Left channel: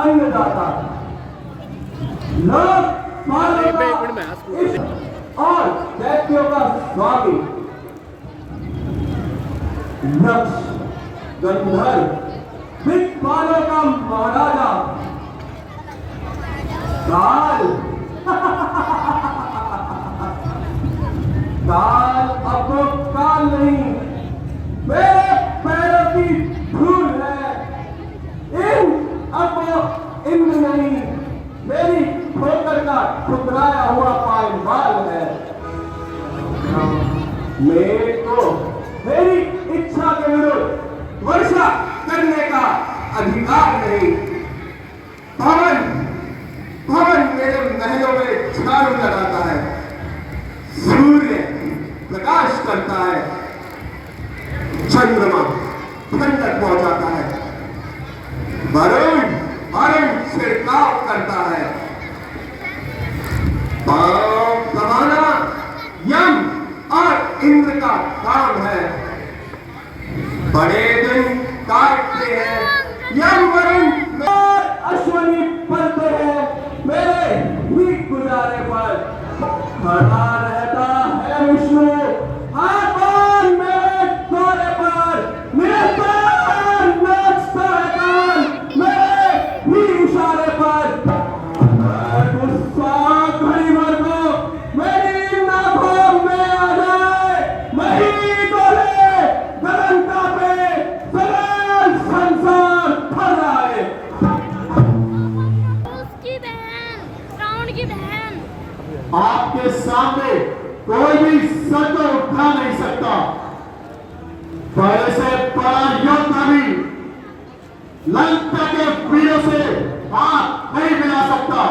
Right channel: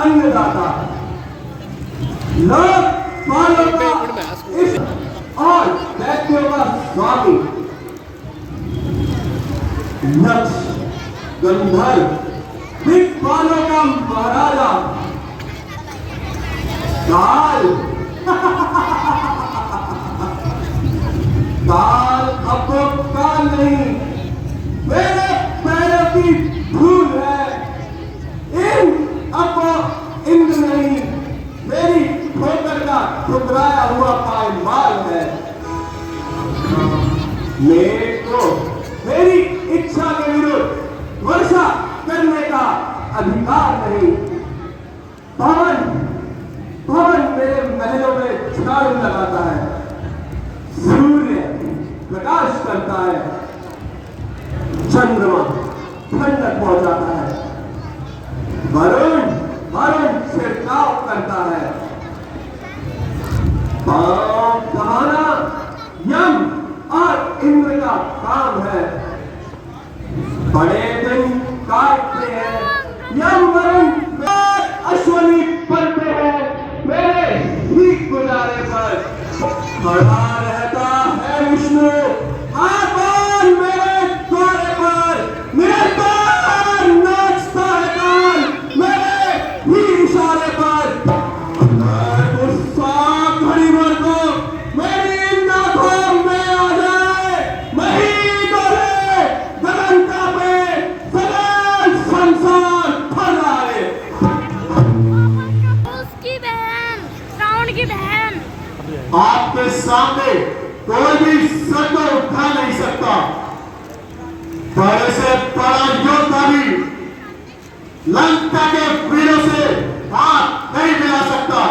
अन्नदाता, लोकपालों का इस और दैत्यों का स्वामी, यक्ष, गंधर्व, दिक्पालों का महाराजा, काल काल अब तो काल नहीं, मेरे पैरों की धूल है। अब वो इंद्र नहीं, मेरी ठोकर का ठुकराया हुआ पायमाल है। मेरे को मेरी इच्छा के विरुद्ध वर्षा करने का अधिकार नहीं। पवन पवन मेरे महलों में झाड़ू लगाता है, सूर्य प्रकाश करता है, चंद्रमा ठंडक पहुंचाता है, वरुण वरुण छिड़काव करता है, पांव कमाना यम और इंद्र का काम है। बड़े दिन काटते हैं यम वरुण, अश्वनी पलते हैं मेरे ही गुजारे पर। खड़ा रहता है विष्णु आकाश मेरे द्वारे पर, निरंतर नाचता है काल मेरे ही इशारे पर। मैं गुस्सा घड़ी भर को मेरी नाखों में आ जाए, मैं ही डोले गगन कांपे, सगल संसार थर आए। उसकी बहन, रावण की बहन। आपके सामने कोई भी सर को उठा नहीं सकता, बड़े से बड़ा योद्धा भी लंका के वीरों से हाथ नहीं मिला सकता।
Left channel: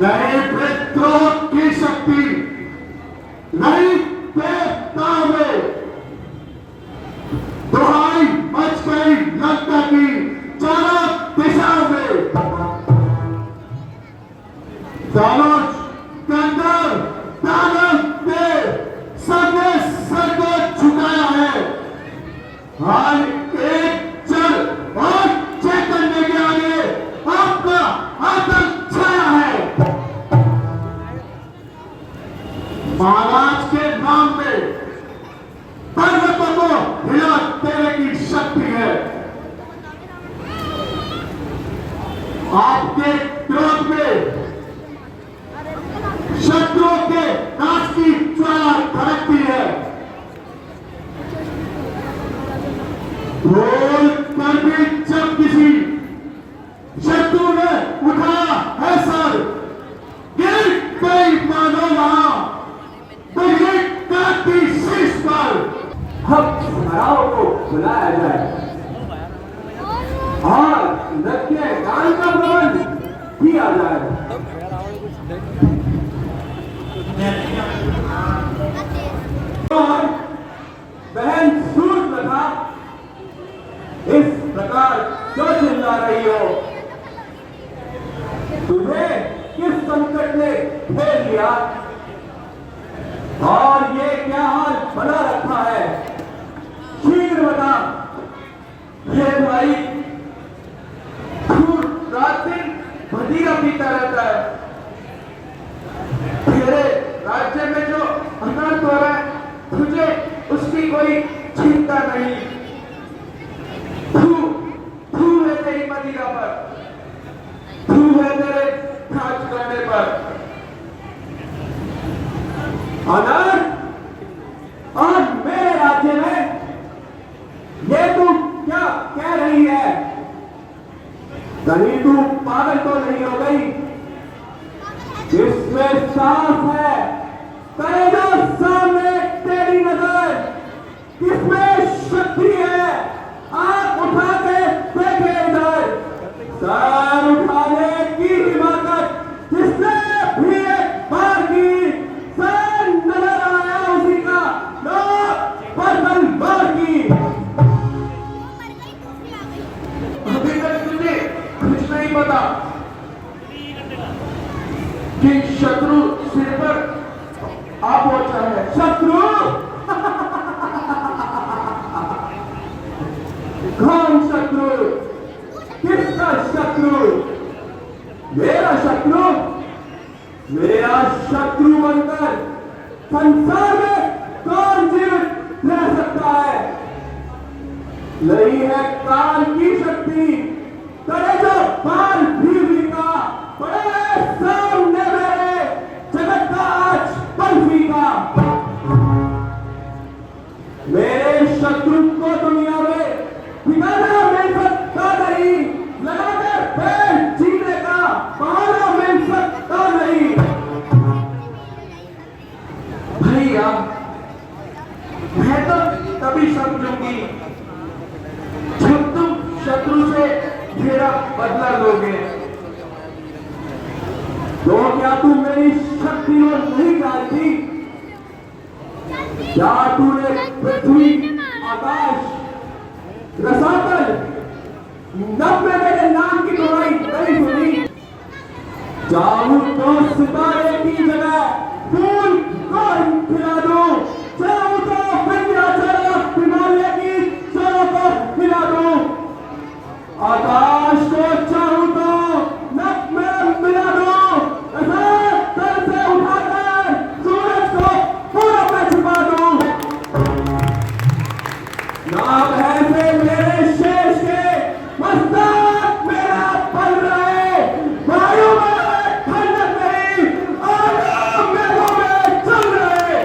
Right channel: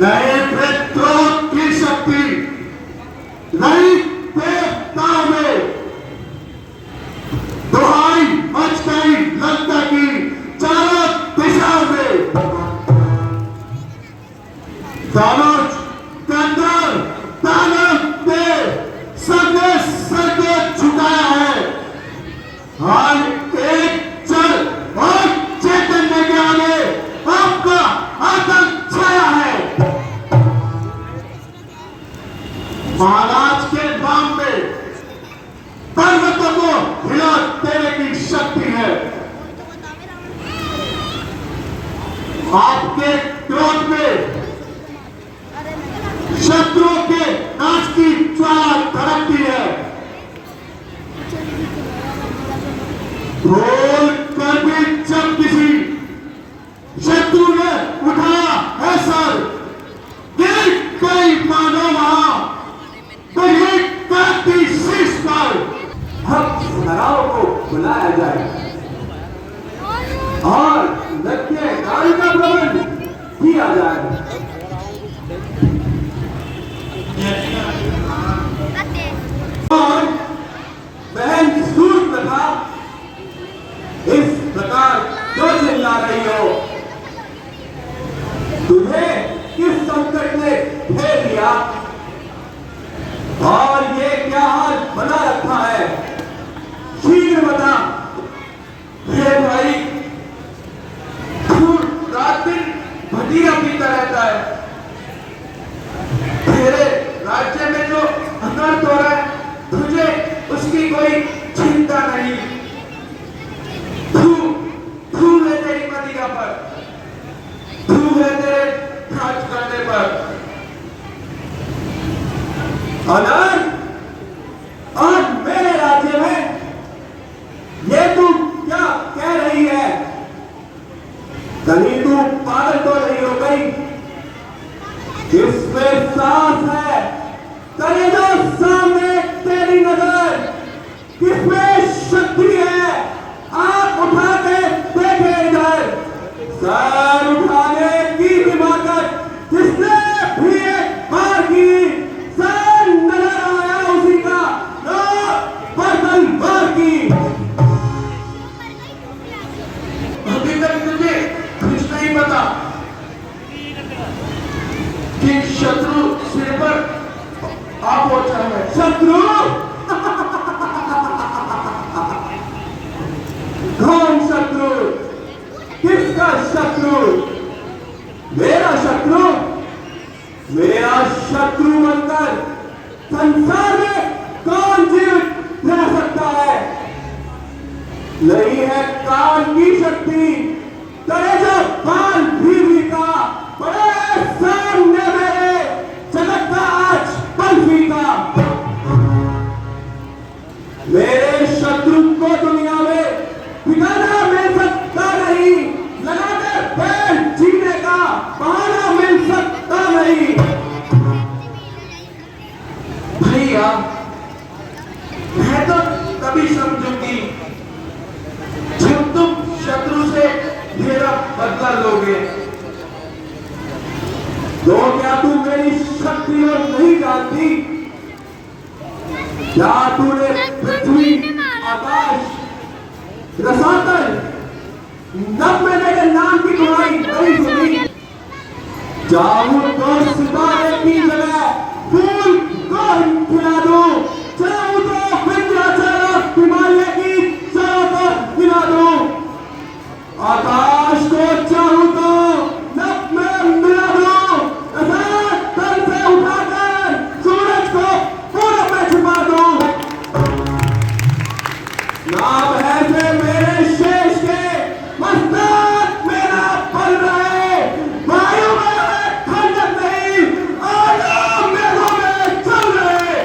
नए विद्रोह की शक्ति नहीं देवताओं में, दुहाई मच गई लंका की चारों दिशाओं में। दानव कंदर दानव पे सबने सर को झुकाया है। हर एक जल और चैतन्य के आगे आपका आतंक छाया है। महाराज के नाम पे पर्वतों को हिला देने की शक्ति है। आपके क्रोध में शत्रुओं के नाश की ज्वाला धड़कती है। रोल कर भी जब किसी शत्रु ने उठाया है सर, ये कोई मानो वहां तो ये काटी शीश पर हम सुनाराओं को बुलाया जाए और नृत्य गान का प्रबंध किया जाए। और बहन सूर्यप्रभा इस प्रकार क्यों चिल्ला रही हो? तुम्हें किस संकट ने घेर लिया और ये क्या हाल बना रखा है? शीघ्र बता। ये भाई रात दिन भटिया पीता रहता है। तेरे राज्य में जो अनर्थ हो रहा है तुझे उसकी कोई चिंता नहीं। तू है तेरी मदिरा पर, तू है तेरे खर्च करने पर। अनर्थ और मेरे राज्य में ये तू क्या कह रही है? कहीं तू पागल तो नहीं हो गई? जिसमें सांस है करे जो सामने तेरी नजर, किसमें शक्ति है आंख उठा के देखे इधर। सर उठाने की हिम्मत जिसने भी एक बार की, सर नजर आया उसी का लो पर तलवार की। अभी तक तुझे कुछ नहीं पता कि शत्रु सिर पर आप पहुंचा है। शत्रु कौन शत्रु? किसका शत्रु? शत्रु मेरा शत्रु बनकर संसार में कौन जीवित रह सकता है? नहीं है काल की शक्ति, करे जो काल भी का बड़े सामने मेरे जगत का आज पंथी का। मेरे शत्रु को दुनिया में ठिकाना मिल सकता नहीं, लगाकर बैल जीने का बहाना मिल सकता नहीं। भैया मैं तो तभी समझूंगी जब तुम शत्रु से मेरा बदला लोगे। तो क्या तू मेरी शक्ति और नहीं जानती? क्या तूने पृथ्वी, आकाश, रसातल, नभ में मेरे नाम की गवाही नहीं सुनी? चाहूं तो सितारे की जगह फूल को खिला दूं, चाहूं तो विंध्याचल हिमालय की चादर हिला दूं, आकाश को चाहूं तो नभ में मिला दूं, रसातल से उठाकर सूरज को पूरब में छुपा दूं। नाम ऐसे मेरे शेष के मस्तक मेरा पल रहे, वायु में खंडक नहीं, आग मेघों में चल रहे।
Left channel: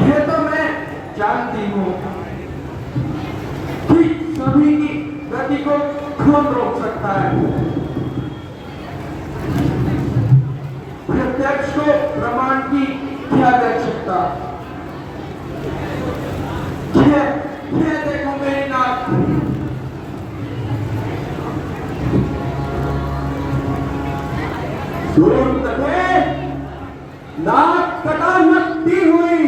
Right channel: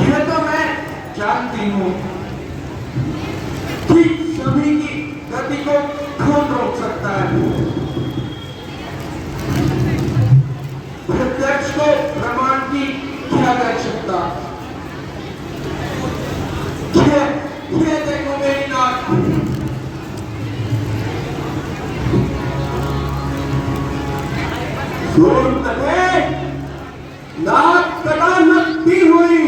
यह तो मैं जानती हूँ कि सभी की गति को कौन रोक सकता है? प्रत्यक्ष को प्रमाण की क्या कर सकता? यह देखो मेरी नाक, नाक कटा नकटी हुई,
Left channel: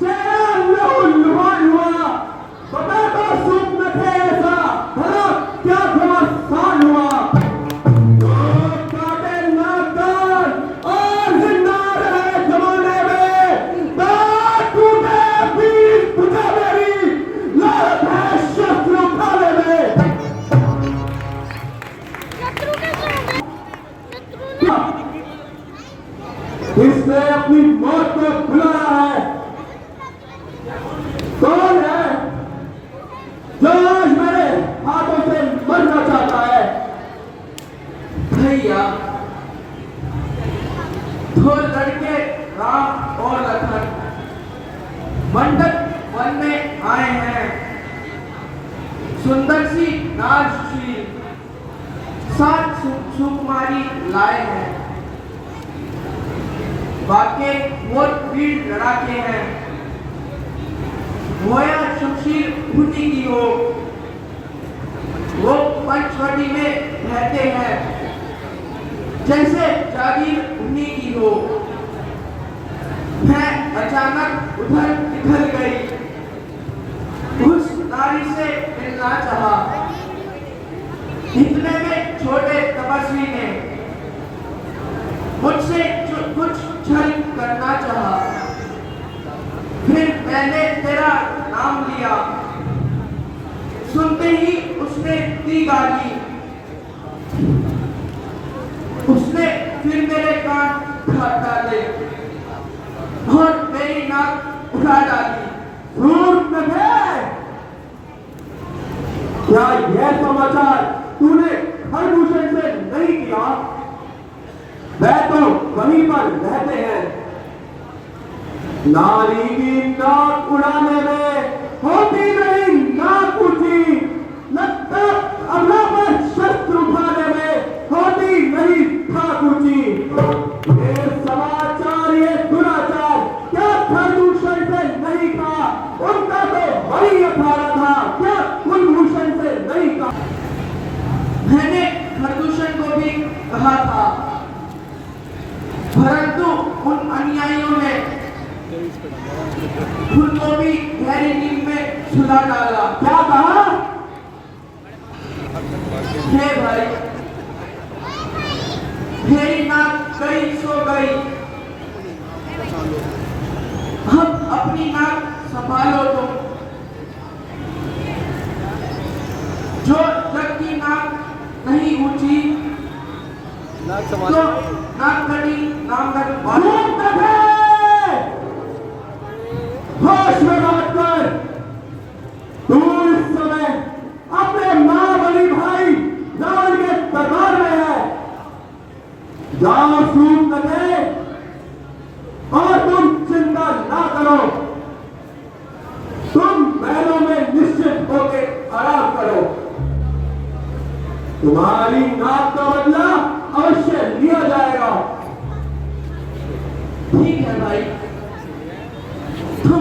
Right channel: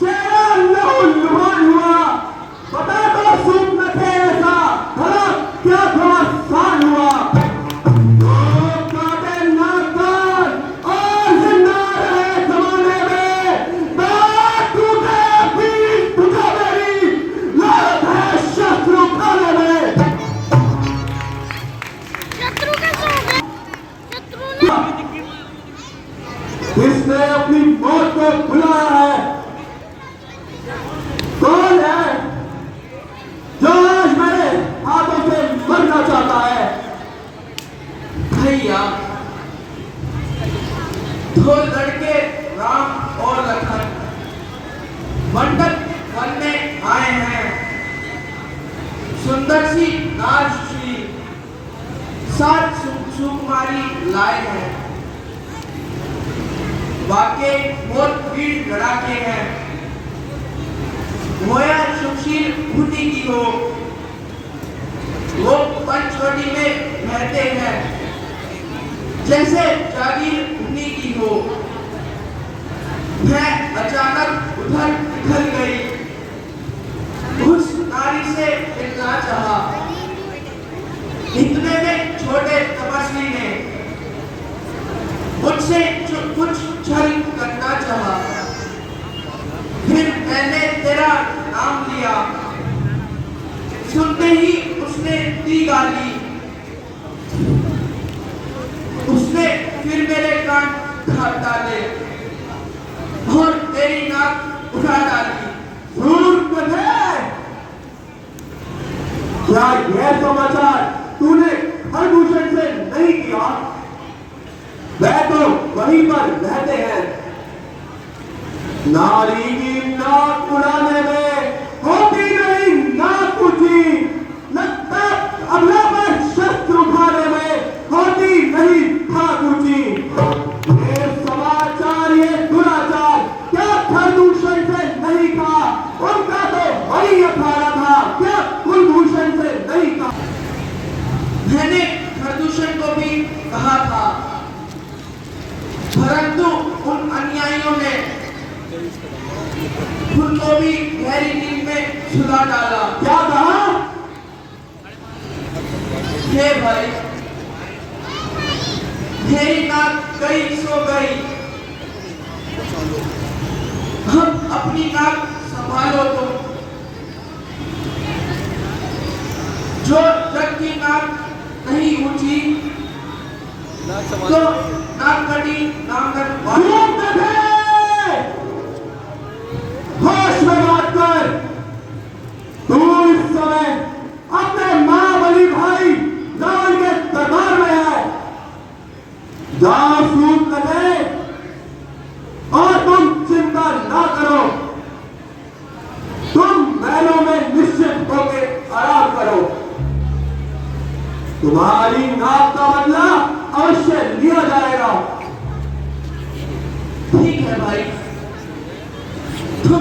चेहरा लहू लुहान हुआ, बता तो सूप न थे ऐसा भला क्या घमासान हुआ। तो काटे नाकान और जिंदा रहे जमाने में, दांत टूटे बीच बुझा मेरी, लात है शस्त्र उठाने में। शत्रु का क्या है? शत्रु ने इसने अपनी मौत को बुलाया है। कौन है जो आज मेरे हाथों से मरना चाहता है? भैया दो लड़के राम और लखन मंडप वन में आए हैं। सुंदर सी राजश्री सात सुकुमारी लाए हैं। वाकई बहुत वीर लड़ाके हैं। मोया सुशील बुद्धि की हो, वो पंचवटी में रहते हैं। जैसे जागीर उन्हीं की हो। मैं अचानक उधर निकल गई, उस नारी से मिलना चाहा। इतने में छोटे तपस्वी ने मुझसे कुछ छल करना चाहा। फिर मैंने तेरा नाम लिया, सुनते ही उसने दी गाली। उसने फिर मेरे कान काट डाले और मेरी नाक उठा डाली। क्या यह समाचार तूने हरभूषण से नहीं किया? वह तो वहीं पर रहते हैं। नारी की नाक उड़ाने में होती नहीं नाक ऊंची, लगता अगला पर शस्त्र उठाने में होती नहीं धाक ऊंची। ये समाचार, ये दुराचार क्या हरभूषण से नहीं कहा? उनका तो वही अखाड़ा था, क्या कुलभूषण से नहीं कहा? मैंने प्रदूषण को भी कहा था, परंतु उन अनुयायियों ने उनको भी गहरी नींद में सुला डाला। क्या कहा? हे भाई, मेरी नाक कहीं सो गई, हम अपनी नाक संभालो तुम। जो जग की नाक नहीं ऊंची तो नाक कटी नामक खूब देखे होश में बात कर। तू इस समय अपने महाबली भाई रावण के दरबार में है। जहां सूट लगे और तुम चिंता ना करो। तुम महलों में निश्चित होकर आराम करो। तुम्हारी नाक का बदला अवश्य लिया जाएगा। ठीक है भाई, तुम